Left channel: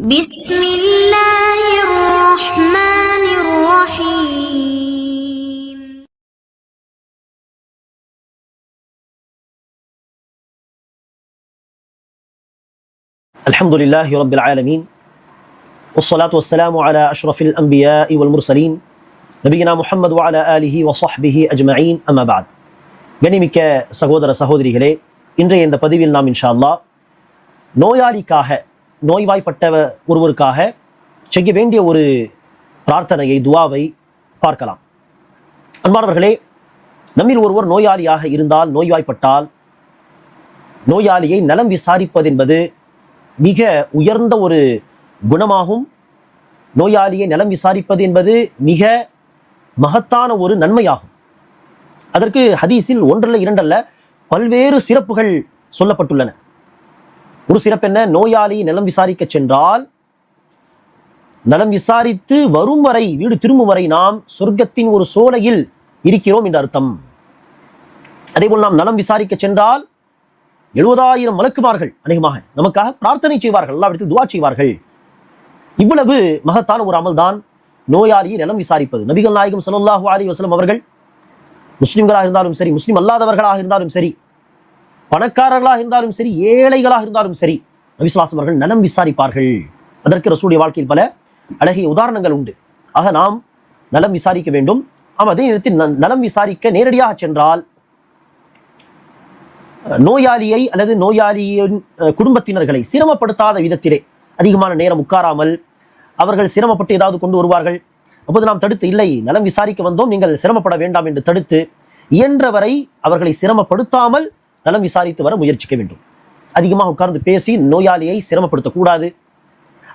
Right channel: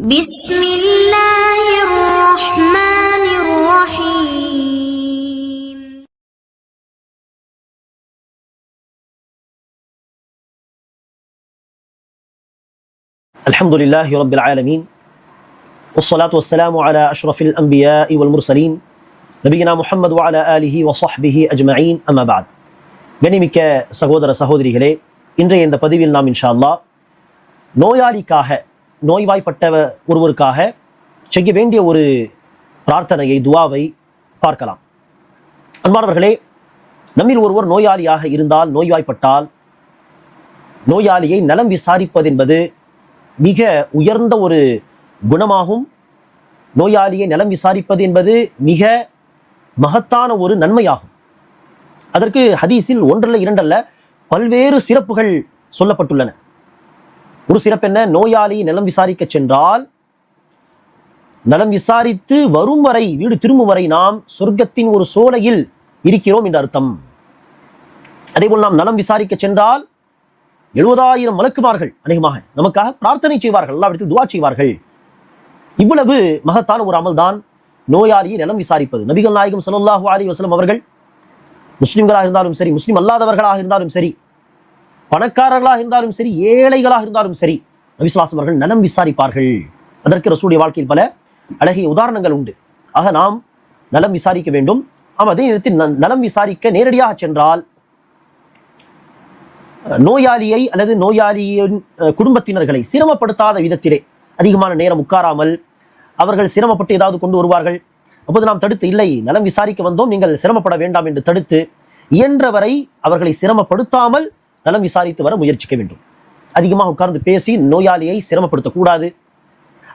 بسم الله الرحمن الرحيم. الحمد لله رب العالمين والصلاة والسلام على أشرف الأنبياء والمرسلين نبينا محمد وعلى آله وصحبه أجمعين أما بعد. கண்ணியமிக்க சகோதர சகோதரிகளே, இன்றைய இந்த பதிவில் நாம் இன்ஷா அல்லாஹ் நோயாளிக்காக, நோய்வாய்ப்பட்ட ஒருவருக்காக செய்ய வேண்டிய ஒரு பிரார்த்தனையை, துவாவை பார்க்கலாம். அன்பானவர்களே, நம்மில் ஒருவர் நோயாளியாக இருந்தால், நோய்வாய்ப்பட்டால், நோயாளியை நலம் விசாரிப்பது என்பது மிக உயர்ந்த ஒரு குணமாகும். நோயாளியை நலம் விசாரிப்பது என்பது மிக மகத்தான ஒரு நன்மையாகும். அதற்கு ஹதீஸில் ஒன்றல்ல இரண்டல்ல பல்வேறு சிறப்புகள் சொல்லப்பட்டுள்ளன. ஒரு சிறப்பு என்ன? நோயாளியை நலம் விசாரிக்க சென்றால், நலம் விசாரித்து வரும் வரை, வீடு திரும்பும் வரை நாம் சொர்க்கத்தின் ஒரு சோலையில் இருக்கிறோம் என்று அர்த்தம். அதேபோல் நாம் நலம் விசாரிக்க சென்றால் 70,000 மலக்குமார்கள் அநேகமாக நமக்காக பிரார்த்தனை செய்வார்கள், அல்லாஹ்விடத்தில் துஆ செய்வார்கள். இவ்வளவு மகத்தான ஒரு அமல் தான் நோயாளியை நலம் விசாரிப்பது. நபிகள் நாயகம் ஸல்லல்லாஹு அலைஹி வஸல்லம் அவர்கள் முஸ்லிம்களாக இருந்தாலும் சரி, முஸ்லிம் அல்லாதவர்களாக இருந்தாலும் சரி, பணக்காரர்களாக இருந்தாலும் சரி, ஏழைகளாக இருந்தாலும் சரி, நபி ஸல்லல்லாஹு அலைஹி வஸல்லம் அவர்கள் நலம் விசாரிப்பார்கள். அதற்கு ரசூலுடைய வாழ்க்கையில் பல அழகிய உதாரணங்கள் உண்டு. ஆக நாம் நலம் விசாரிக்க வேண்டும். அதே நேரத்தில் நலம் விசாரிக்க நேரடியாக சென்றால் நோயாளியை அல்லது நோயாளியின் குடும்பத்தினர்களை சிரமப்படுத்தாத விதத்திலே அதிகமான நேரம் உட்காராமல், அவர்கள் சிரமப்பட்டு ஏதாவது கொண்டு வருவார்கள், அப்போது நாம் தடுத்து, இல்லை நலம் விசாரிக்க வந்தோம், நீங்கள் சிரமப்பட வேண்டாம் என்று தடுத்து, இயன்றவரை அவர்களை சிரமப்படுத்தாமல் நலம் விசாரித்து வர முயற்சிக்க வேண்டும். அதிகமாக உட்கார்ந்து பேசி நோயாளியை சிரமப்படுத்தக்கூடாது.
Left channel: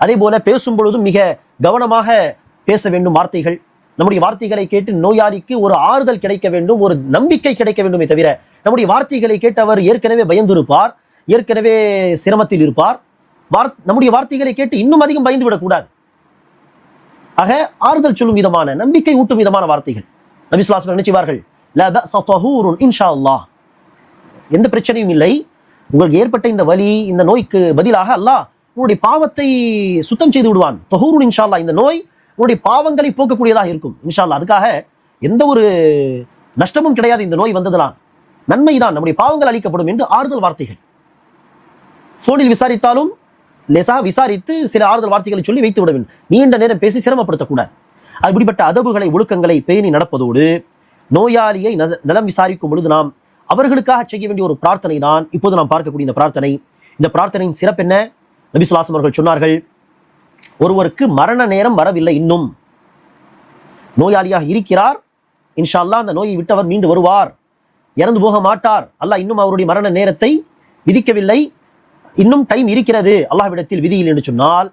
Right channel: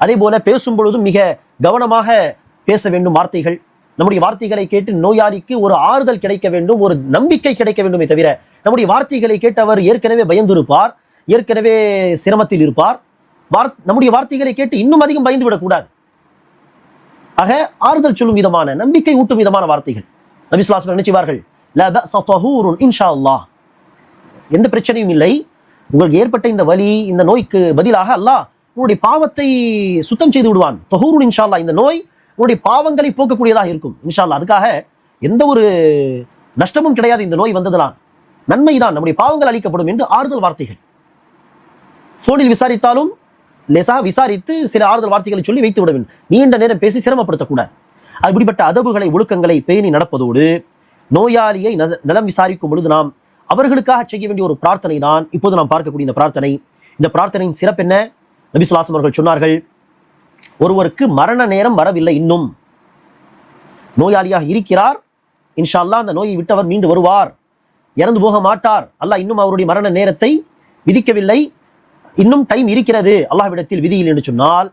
அதே போல பேசும் பொழுதும் மிக கவனமாக பேச வேண்டும். வார்த்தைகள், நம்முடைய வார்த்தைகளை கேட்டு நோயாளிக்கு ஒரு ஆறுதல் கிடைக்க வேண்டும், ஒரு நம்பிக்கை கிடைக்க வேண்டுமே தவிர, நம்முடைய வார்த்தைகளை கேட்டு அவர் ஏற்கனவே பயந்து இருப்பார், ஏற்கனவே சிரமத்தில் இருப்பார். நம்முடைய வார்த்தைகளை கேட்டு இன்னும் அதிகம் பயந்து விடக்கூடாது. ஆக ஆறுதல் சொல்லும் விதமான, நம்பிக்கை ஊட்டும் விதமான வார்த்தைகள். நபி ஸல்லல்லாஹு அலைஹி வஸல்லம் நினைச்சுவார்கள், லா பஅஸ தஹூருன் இன்ஷா அல்லாஹ், எந்த பிரச்சனையும் இல்லை, உங்களுக்கு ஏற்பட்ட இந்த வலி, இந்த நோய்க்கு பதிலாக அல்லாஹ் உங்களுடைய பாவத்தை சுத்தம் செய்து விடுவான். தஹூருன் இன்ஷா அல்லாஹ், இந்த நோய் உங்களுடைய பாவங்களை போக்கக்கூடியதாக இருக்கும் இன்ஷா அல்லாஹ். அதுக்காக எந்த ஒரு நஷ்டமும் கிடையாது, இந்த நோய் வந்ததெல்லாம் நன்மைதான், நம்முடைய பாவங்கள் அளிக்கப்படும் என்று ஆறுதல் வார்த்தைகள். சோனில் விசாரித்தாலும் விசாரித்து சில ஆறுதல் வார்த்தைகளை சொல்லி வைத்து விட வேண்டும். நீண்ட நேரம் பேசி சிரமப்படுத்தக்கூடாது. அப்படிப்பட்ட அதபுகளை, ஒழுக்கங்களை பேணி நடப்பதோடு, நோயாளியை நலம் விசாரிக்கும் பொழுது நாம் அவர்களுக்காக செய்ய வேண்டிய ஒரு பிரார்த்தனை தான் இப்போது நாம் பார்க்கக்கூடிய இந்த பிரார்த்தனை. இந்த பிரார்த்தனையின் சிறப்பு என்ன? நபி ஸல்லல்லாஹு அலைஹி வஸல்லம் அவர்கள் சொன்னார்கள், ஒருவருக்கு மரண நேரம் வரவில்லை, இன்னும் நோயாளியாக இருக்கிறார், இன்ஷா அல்லாஹ் அந்த நோயை விட்டு அவர் மீண்டு வருவார், இறந்து போக மாட்டார், அல்லாஹ் இன்னும் அவருடைய மரண நேரத்தை விதிக்கவில்லை, இன்னும் டைம் இருக்கிறது அல்லாஹ்விடத்தில் விதியில் என்று சொன்னால்,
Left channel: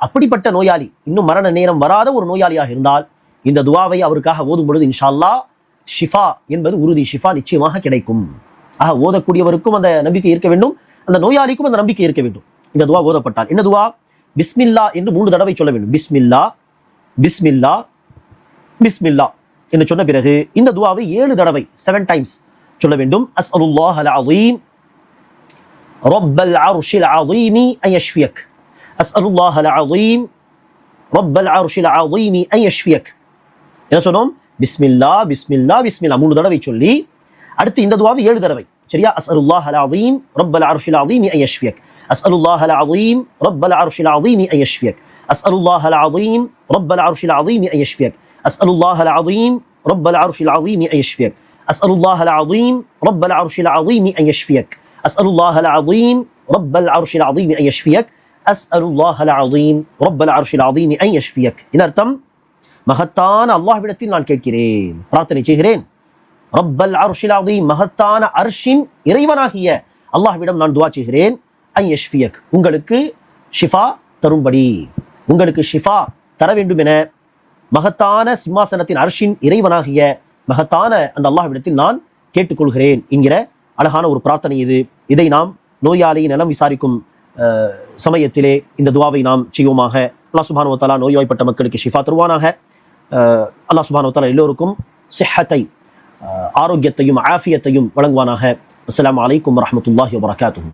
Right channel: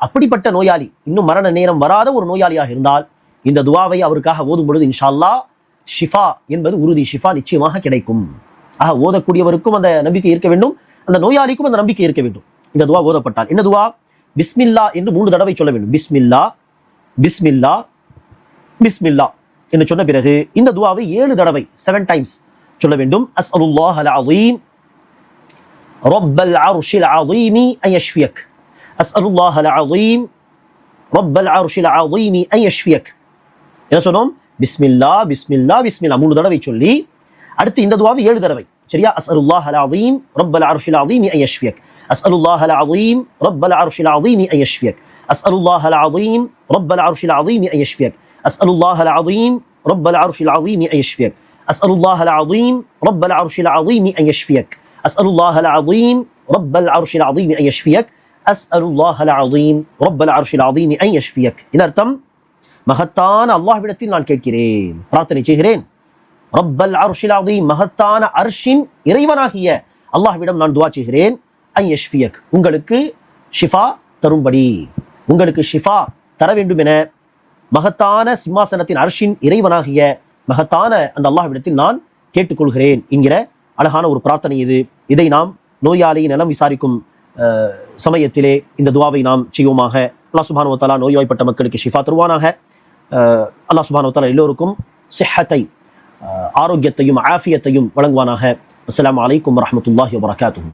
அப்படிப்பட்ட நோயாளி, இன்னும் மரண நேரம் வராத ஒரு நோயாளியாக இருந்தால் இந்த துஆவை அவருக்காக ஓதும் பொழுது இன்ஷா அல்லாஹ் ஷிஃபா என்பது உறுதி, ஷிஃபா நிச்சயமாக கிடைக்கும். ஆக ஓதக்கூடியவருக்கும் அந்த நம்பிக்கை இருக்க வேண்டும், அந்த நோயாளிக்கும் அந்த நம்பிக்கை இருக்க வேண்டும். இந்த துஆ ஓதப்பட்டால் என்ன துஆ? பிஸ்மில்லா என்று 3 தடவை சொல்ல வேண்டும். பிஸ்மில்லா பிஸ்மில்லா பிஸ்மில்லா என்று சொன்ன பிறகு இந்த துஆவை 7 தடவை 7 டைம்ஸ் சொல்ல வேண்டும். அஸ்அலுல்லாஹல் அஸீம் ரப்பல் அர்ஷில் அஸீம் அன் யஷ்ஃபியக், அஸ்அலுல்லாஹல் அஸீம் ரப்பல் அர்ஷில் அஸீம் அன் யஷ்ஃபியக். என்ன சொன்னோம்? பிஸ்மில்லா பிஸ்மில்லா பிஸ்மில்லா 3 தடவை சொல்லி அடுத்து இந்த துஆவை 7 தடவை. சரியா? அஸ்அலுல்லாஹல் அஸீம் ரப்பல் அர்ஷில் அஸீம் அன் யஷ்ஃபியக், அஸ்அலுல்லாஹல் அஸீம் ரப்பல் அர்ஷில் அஸீம் அன் யஷ்ஃபியக், அஸ்அலுல்லாஹல் அஸீம் ரப்பல் அர்ஷில் அஸீம் அன் யஷ்ஃபியக், அஸ்அலுல்லாஹல் அஸீம் ரப்பல் அர்ஷில் அஸீம் அன் யஷ்ஃபியக், அஸ்அலுல்லாஹல் அஸீம் ரப்பல் அர்ஷில் அஸீம் அன் யஷ்ஃபியக், அஸ்அலுல்லாஹல் அஸீம் ரப்பல் அர்ஷில் அஸீம் அன் யஷ்ஃபியக், அஸ்அலுல்லாஹல் அஸீம் ரப்பல் அர்ஷில் அஸீம் அன் யஷ்ஃபியக். இதன் அர்த்தம், மகத்தான அல்லாஹ்விடத்தில் நான் கேட்கிறேன், பிரார்த்தனை செய்கிறேன், ரப்பல் அர்ஷில் அஸீம், மகத்தான அர்ஷின் இறைவனாகிய அல்லாஹ்விடம் நான் துஆ செய்கிறேன், அன் யஷ்ஃபியக், உங்களுக்கு ஷிஃபா தரும்படி, உங்களுக்கு ஷிஃபா தர வேண்டும் என மகத்தான சிம்மாசனத்தின் அர்ஷின் இறைவனாகிய மகத்தான அந்த அல்லாஹ்விடத்தில் நான் கேட்டுக்கொள்கிறேன் என்கிற அழகான ஒரு பிரார்த்தனை இது. இதை நாம் நோயாளியை நலம் விசாரிக்கும் சமயத்திலே இந்த துஆவை நாம் செய்வோமாக. அல்லாஹ் சுப்ஹானஹு வ தஆலா நோய்வாய்ப்பட்ட மக்களுக்கு ஷிஃபா தருவானாக. அல்லாஹ் சுப்ஹானஹு வ தஆலா எல்லோருக்கும் ஸிஹ்ஹத்தை, ஆரோக்கியத்தையும் ஆஃபியத்தையும் வழங்குவானாக. அஸ்ஸலாமு அலைக்கும் வரஹ்மத்துல்லாஹி வபரகாத்துஹு.